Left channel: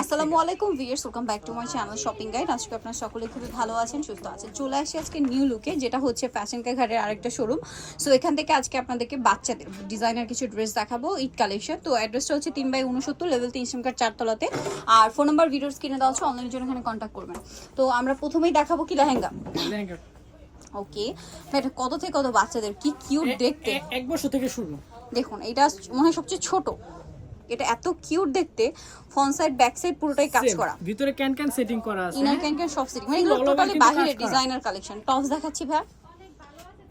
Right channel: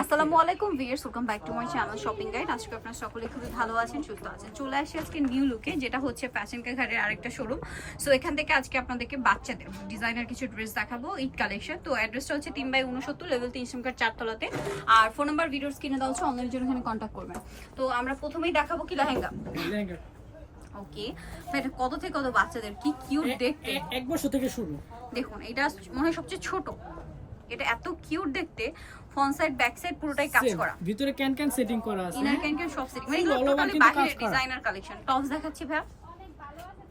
আসসালামু আলাইকুম viewers welcome back to my channel shopping guide আজকে আপনারা সকলে খুবই ভালো আছেন সুস্থ আছেন। চলে আসছে আজকে নিউ লুকে যেটা হচ্ছে ফ্যাশন কে ঘাটের আরেকটা শোরুম সো এখান থেকে আজকে আপনাদেরকে বাচ্চাদের ডিজাইনার কিছু ড্রেস দেখাবো ঈদ কালেকশন তো অ্যাড্রেসটা হচ্ছে তিন বাই উনসত্তর লেভেল তিন সংখ্যার চারতলাতে। আর ফোন নাম্বার ভিডিওস কিনে দেওয়া হচ্ছে অনলাইনের জন্য এখানে কন্ট্যাক্ট করবেন। তো আমরা প্রথমেই দেখাবো কি লেহেঙ্গা? লেহেঙ্গা। ওকে। এটা কত থেকে কত বাচ্চাদের? কি কিউট দেখতে? এক বছর থেকে শুরু। দেখুন এটা মনে হয় সবচেয়ে ছোট। এটা এত কিউট দেখতে ফ্রন্ট সাইড ব্যাক সাইড পুরোটাই কাজ করা। ভিতরে ক্যান ক্যান সেটিং করা আছে। ইনার ক্যান ক্যান সব সেটিং মানে all over টোটালি করা। ডিজাইনার কালেকশন টপস দেখাচ্ছি ভাই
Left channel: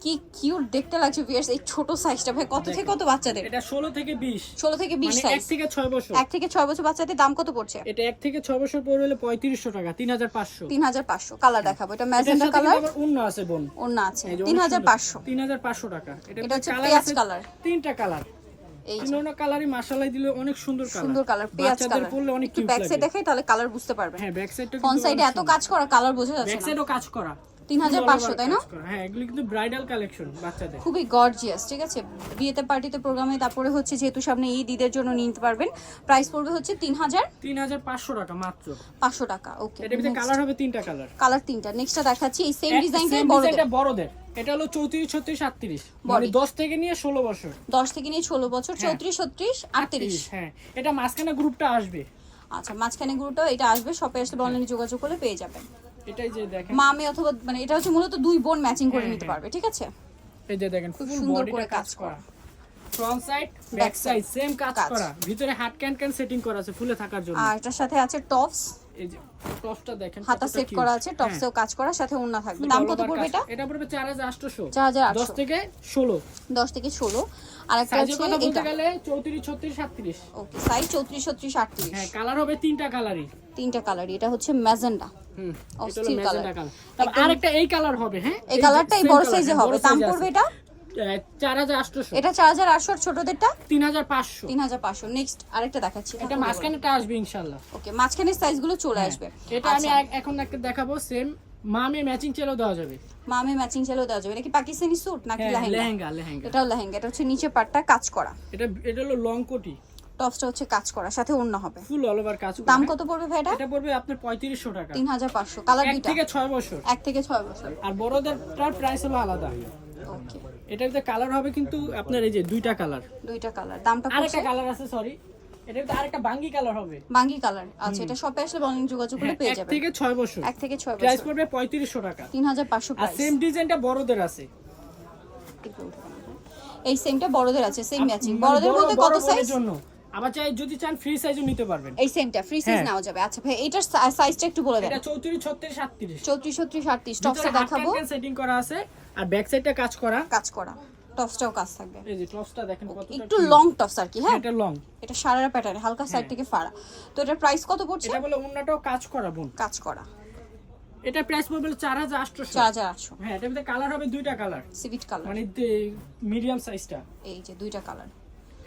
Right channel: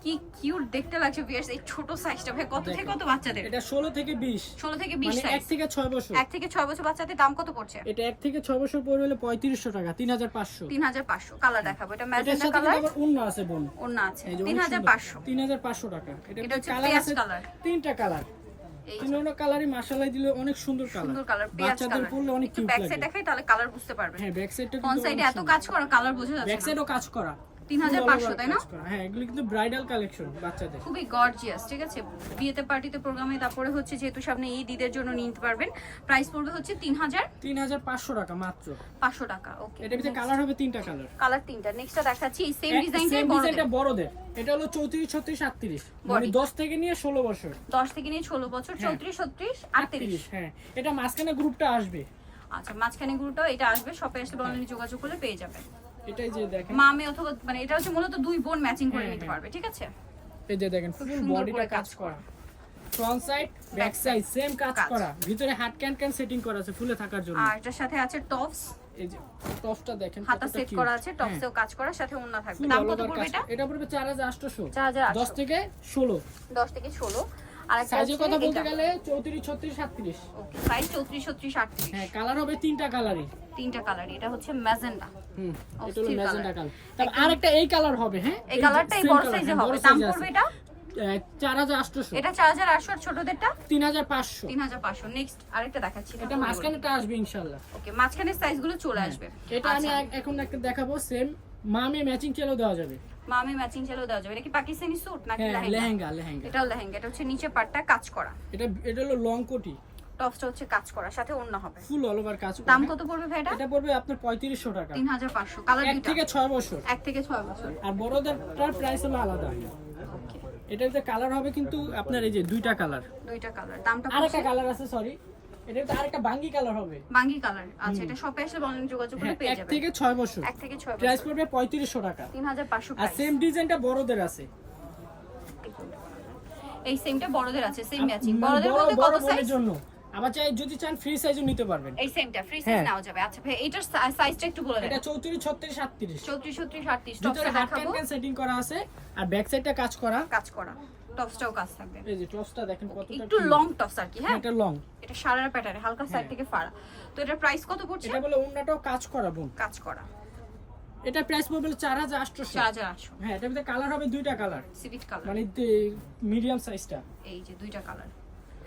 কি কিউট দেখতে লাগছে ভিউয়ার্স এই ছোট সাইজটা ভাই কত থেকে কত বাচ্চাদের? এটা ষোলো থেকে বিশ। 16 থেকে 20 মানে এক সাইজ থেকে ছয় বছর। এক থেকে 6 বছর বাচ্চাদের দাম কত পড়ছে? এটা এক থেকে ছয় বছর পরে হলে পঁয়ত্রিশশো টাকা তিন হাজার পাঁচশো। 3500 কালার দেখাবো। এটা ম্যাজেন্টা কালার আবার অন্য আছে বোন। অন্য আছে। এই যে অনেক সুন্দর। 3500 তিন হাজার পাঁচশো টাকা। এটা এটা কালার আছে কালার। তিনটা কালার এই তিন কালারই মাশাআল্লাহ দিলে অনেক সুন্দর কালার। সুন্দর কালার বাচ্চাদের পরলে অনেক কিউট ব্যাক সাইড দেখাই তাহলে কালার বুঝতে পারবেন হ্যাঁ ব্যাক সাইডটা কোন সাইডে এত কাজ করা কালার বোঝা যাচ্ছে ব্যাক সাইডও কাজ করা। 3500 তাই না? হ্যাঁ এগুলো কিন্তু ব্রাইডাল কালেকশন বাচ্চাদের। খুবই গর্জিয়াস ঠিক আছে? বিয়েতে পার্টিতে প্রোগ্রামে তারপরে হচ্ছে যেহেতু সামনে ঈদের জন্য নিতে পারবেন প্রাইস পড়বে হচ্ছে টাকা মাত্র। পাঁচশো টাকা ওকে এটার ভিতরে কালার হবে তিনটা কালার কালার তিনটা নেক্সটটা দেখাচ্ছি এই সেম সেম ডিজাইনটা বড়দের। বড়দের। এটা হলো মানে দশ থেকে নিয়ে ষোলো বছর। দশ থেকে নিয়ে ষোলো বছর হ্যাঁ। চৌত্রিশ ছত্রিশ আটত্রিশ হ্যাঁ। এটা মাঝখানে গ্রুপটা আসবে। আচ্ছা মাঝখানে গ্রুপটাও এটা আসবে শপে আসলে অনলাইনে যোগাযোগ করে পেয়ে যাবেন। এটাই যে দেখেন। মামে অথবা মানে এটা হচ্ছে মূলত দুই বোন ম্যাচিং করে হ্যাঁ, নিতে হ্যাঁ। পারবে ঠিক আছে? এই যে দেখেন ফুল বডিটা কাজ করা। Front side back side same কাজ। করা। ভিতরে হাত ক্যান ক্যান সেটিং করা আছে ফুলে থাকার জন্য। আর এটার সাথে আছে টপস এই যে টপসটা দেখেন হাতা সেট করা আছে হ্যাঁ, টপসেও কাজ করা সাথে ওন্না থাকবে। দাম কত পড়বে এটা? এটা পড়বে চার হাজার আটশোশো চার হাজার দশ থেকে ষোলো। দশ থেকে ষোলো। আর একটা সাইজের কথা বলতে গেলে চৌত্রিশ ছত্রিশ সাতত্রিশ। ওকে সাইজ চৌত্রিশ ছত্রিশ আটত্রিশ। হ্যাঁ কালার হবে তিনটা কালারই তিনটা কালার এটা হচ্ছে ম্যাজেন্ডা। হুম এটা হলো। ম্যাজেন্টা কালার তারপর আরেকটা এই কালার হবে হ্যাঁ? এই কালারটা এই বড় সাইজে হ্যাঁ, হবে। দাম পড়বে এটা চার হাজার আটশোশো এটা চার হাজার আটশো ছোটদেরটা তিন হাজার পাঁচশো। তিন হাজার পাঁচশো। নেক্সট আরেকটা দেখাচ্ছি। এটা মাঝখানেটা আসবে ইনশাল্লাহ। ওকে মাঝখানের সাইজগুলো চলে আসবে। এটা আমি এখন একটা দেখাবো সেম মামে ম্যাচিং চেলেও দেওয়া যাবে। মামে ম্যাচিং চালেও দেওয়া যাবে। এটা কি পাকিস্তানি স্যুট নাকি হ্যাঁ লেহেঙ্গা? লেহেঙ্গা এটাও লেহেঙ্গা। এটা হচ্ছে নিচে পাটটা কাজ করা। এটা এটা হলো লং কোটি টপসটা হচ্ছে কাজ করা সাথে অন্য হবে। ফুল অল ওভার কাজ দাম হ্যাঁ। কত পড়বে ভাই এটা? এটা পড়বে আপনার পঁয়ত্রিশশো টাকা। তিন হাজার পাঁচশো। কালার এক দুইটা। থেকে ছয় বছর। এক থেকে ছয় বছর। আর বড়দেরটার প্রাইস হলো আলাদা। এটার যে কালার হবে কিন্তু আপনার এই যে দুইটা কালার দুইটা কালার দামটা আরেকটা কালার আছে সরি এটা তো আরেকটা বাঙ্গি কালার হবে। বাঙ্গি কালার আচ্ছা এটা শপে আসলে অনলাইন যোগাযোগ করে হ্যাঁ পেয়ে এক যাবেন। থেকে 6 বছর। এক থেকে 6 প্রাইস পড়বে পঁয়ত্রিশশো টাকা। তিন হাজার পাঁচশো আর সেম ডিজাইনটা বড়দের আছে। এই সেমটা বড়দের আছে সেম ম্যাচিং মানে বড়দের বড় মধ্যে কত সাইজ জন্য। আবার চাই যদি চান ফ্রি সাইজও নিতে পারবেন। এই সেমটা ফ্রি সাইজ। নেওয়া যাবে। আচ্ছা ভাই এটার সাইজটা একটু বলে দেন। এটা চৌত্রিশ ছত্রিশ সাতত্রিশ চৌত্রিশ ছত্রিশ আটত্রিশ ভিতরে টপসটা হাফ দেখাবো। ক্যান সেটিং করা আছে আর ব্যাক সাইডটা কাজ করা। কাজ করা। টপসটাও কাজ থাকবে। এই যে টপসটা দেখেন কতটা একটু লং টপস আর কি হ্যাঁ? এটা লং এটা সারারা প্যাটার্ন হালকা সাইড হ্যাঁ। থেকে ফাড়া। তো এটার প্রাইস কত পড়ছে? এটা বলে অন্যটাও কাজ করা বোন। কাজ করা। এটা প্রাইস পড়বে চার হাজার আটশোশো। চার হাজার আটশো। হ্যাঁ এটার ভিতরে কালার হবে দুইটা কালার সিভিট কালার মানে মিডিয়াম সাইজটা এই যে দুইটা কালার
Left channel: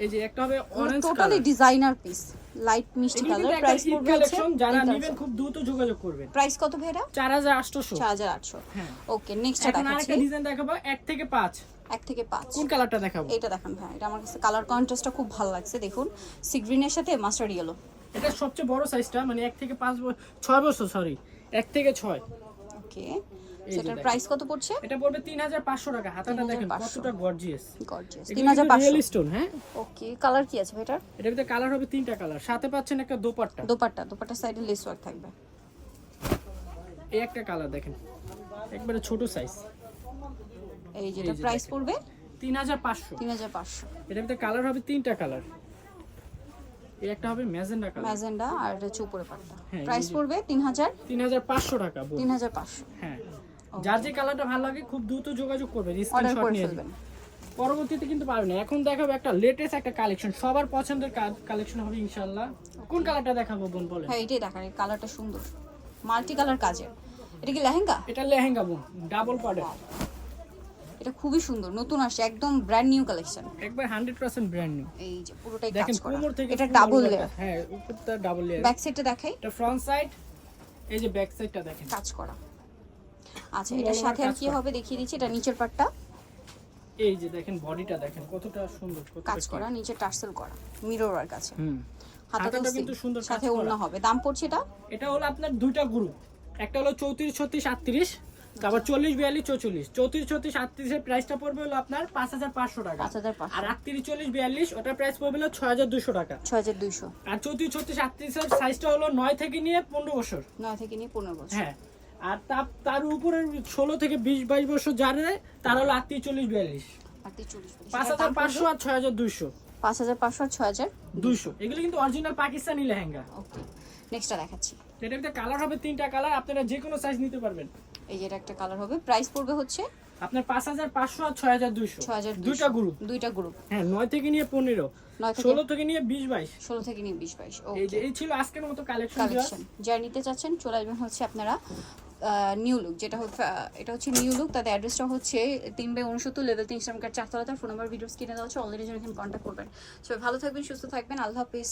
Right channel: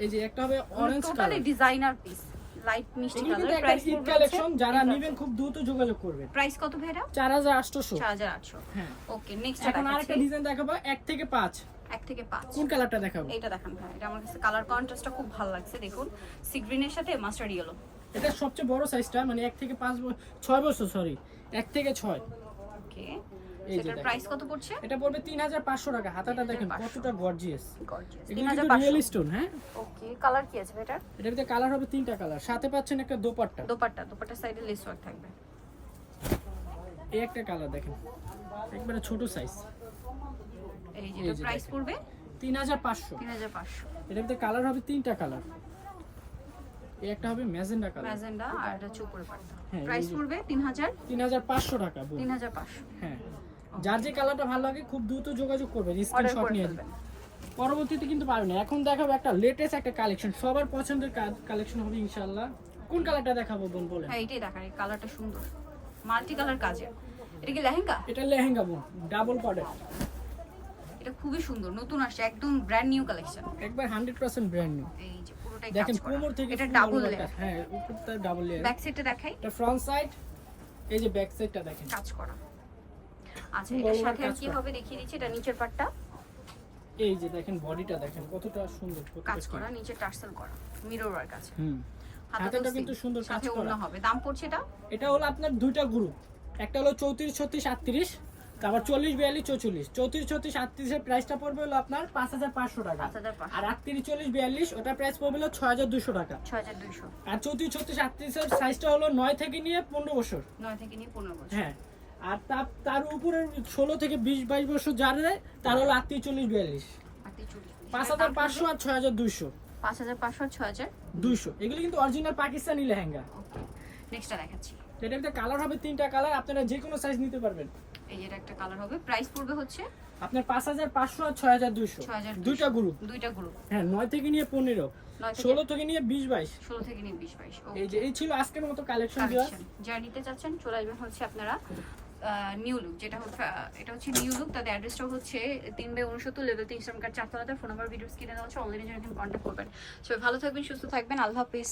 এই যে একটা হবে orange colour designer piece light মিষ্টি এগুলো কিন্তু একটা প্রাইস কালেকশন যারা নেবেন খুব দ্রুত যোগাযোগ করবেন। প্রাইস কত ভাইরা চার হাজার আটশোশো চার হাজার আটশো। হ্যাঁ। ওকে নেক্সট এখন আরেকটা ডিজাইন দেখাবো এক থেকে পাঁচ। এক থেকে পাঁচ। কোন কালারটা দেখাবো? এটা দেখেন ভাই এটা আমার কাছে কালার কন্ট্রাস্টটা খুব ভালো লাগছে দেখুন। সি গ্রিনের সাথে মাস্টার্ড ইয়েলো এটা সবচেয়ে বড় সাইজটা মানে এক থেকে পাঁচ ছয় বছর সরি এক থেকে ছয়। ওকে দেখেন। প্রাইস কত পড়ছে? এটা পড়বে তিন হাজার পাঁচশো টাকা হাতাটা দেখেন 3500 কতটা গর্জিয়াস গর্জিয়াস এগুলো কিন্তু রিয়েল স্টোন হ্যাঁ? কালার কি আছে এটা এটার ভিতরে কালার হবে তিনটা কালার সাথে পাচ্ছেন একটা দোপাট্টা। দোপাট্টা দোপাট্টার সাইডে লেস ওয়ার্ক থাকবে। এই একটা কালার দেখেন। একবারে ছোট সাইজ এই যে প্রাইস পড়বে? তিন হাজার পাঁচশো। তিন হাজার পাঁচশো। এটার ভিতরে কালার হবে তিনটা কালার এই একটা হবে ম্যাজেন্ডা কালার ম্যাজেন্ডা আর এটা হচ্ছে উপরে পাট্টা। হ্যাঁ, প্রাইস পড়বে তিন হাজার। তিন হাজার পাঁচশো টাকা বোন তিন হাজার পাঁচশো। হ্যাঁ। যার যে কালারটা ভালো লাগে খুব দ্রুত যোগাযোগ করবেন। স্ক্রিনশট নিয়ে। যাবেন পরবর্তীতে কিন্তু পাবেন না। এখন দেখাবো একটা লেটেস্ট একটা কালেকশন সবার পছন্দের কালেকশন হবে ইনশাল্লাহ কোন কালারটা দেখাবো বোন বলেন? হ্যাঁ এটাই দেখার এই কালারটা সুন্দর। মাল্টি কালার কাজের। এটা কি লেহেঙ্গা? এটা লেহেঙ্গা বোন ডাবল পার্ডের এটা খুবই সুন্দর নতুন আসছে একদম ব্র্যান্ড নিউ কালেকশন একবার হান্ড্রেড পার্সেন্ট ব্র্যান্ড নিউ এই যে পুরোটাই দেখেন কাজ কোমর থেকে এটা ডাবল লেয়ার হ্যাঁ উপরটা ডাবল লেয়ার ব্যাক সাইডটা দেখাই। এটা ফ্রন্ট সাইড এই যে ব্যাক সাইডটা দেখেন। কাজ করা। আচ্ছা এটার সাথে আর কাজ কি হবে দেখিয়ে দিচ্ছি এটা নিচের পাটটা এই যে দেখেন বডিটা দেখেন কতটা সুন্দর কাজ করা নিচে টার্সেল করা মিরর ওয়ার্ক আছে হুম হাতাটা কিন্তু সুন্দর কাজ সাথে করা হবে। দাম পড়ছে এটা? এটা হলো আপনার দুইটা গ্রুপ একটা হলো চৌত্রিশ ছত্রিশ আটত্রিশ তারপর চল্লিশ বিয়াল্লিশ চৌচল্লিশ। চৌত্রিশ ছত্রিশ আটত্রিশের প্রাইসটা পড়বে হলো আপনার পাঁচ হাজার পাঁচশো টাকা। আর আটত্রিশ চল্লিশ বিয়াল্লিশ ওটার প্রাইস পড়বে হলো ছয় হাজার দুশো টাকা। ছয় হাজার দুইশো। আর চৌত্রিশ ছত্রিশ আটত্রিশের সাইজটা হলো নয় থেকে নিয়ে পনেরো বছর। নয় থেকে নিয়ে পনেরো বছর। হ্যাঁ। আর তার তার উপরে ষোলো থেকে বিশ বাইশ বছর যারা তার হলো আটত্রিশ চল্লিশ বিয়াল্লিশ। পাঁচ হাজার পাঁচশো আর ছয় হাজার দুইশো। পাঁচ হাজার পাঁচশো আর ছয় হাজার দুইশো। এগুলো কিন্তু অরিজিনাল পাকিস্তানি লেহেঙ্গা। নেক্সটটা দেখাচ্ছি। এটার ভিতরে কালার হবে তিনটা কালার আপনারা যে কোনো সাইজ নিতে পারবেন। এই যেটা একটা কালার হবে প্রাইস পড়বে হচ্ছে? আপনার পাঁচ হাজার পাঁচশো আর ছয় হাজার দুইশো। দুইটা গ্রুপ দুইটা গ্রুপ হ্যাঁ নয় থেকে নিয়ে পনেরো। ষোলো থেকে নিয়ে বিশ বাইশ। ষোলো থেকে নিয়ে বিশ বাইশ। এই যে এই ছিল আজকের মতো কালেকশন যারা নিতে চাচ্ছেন চলে আসবেন হচ্ছে আপনারা নিউ লুক যেটা হচ্ছে এটা হচ্ছে নিউ লুক তাদের অ্যাড্রেসটা হচ্ছে তিন বাই উনসত্তর লেভেল তিন ইসলাম কার্ড চারতলাতে ফোন নাম্বার ভিডিও কিনে দেওয়া হচ্ছে অনলাইনে যদি কন্ট্যাক্ট করবেন। সবাই ভালো থাকবেন, সুস্থ থাকবেন, আল্লাহ হাফিজ।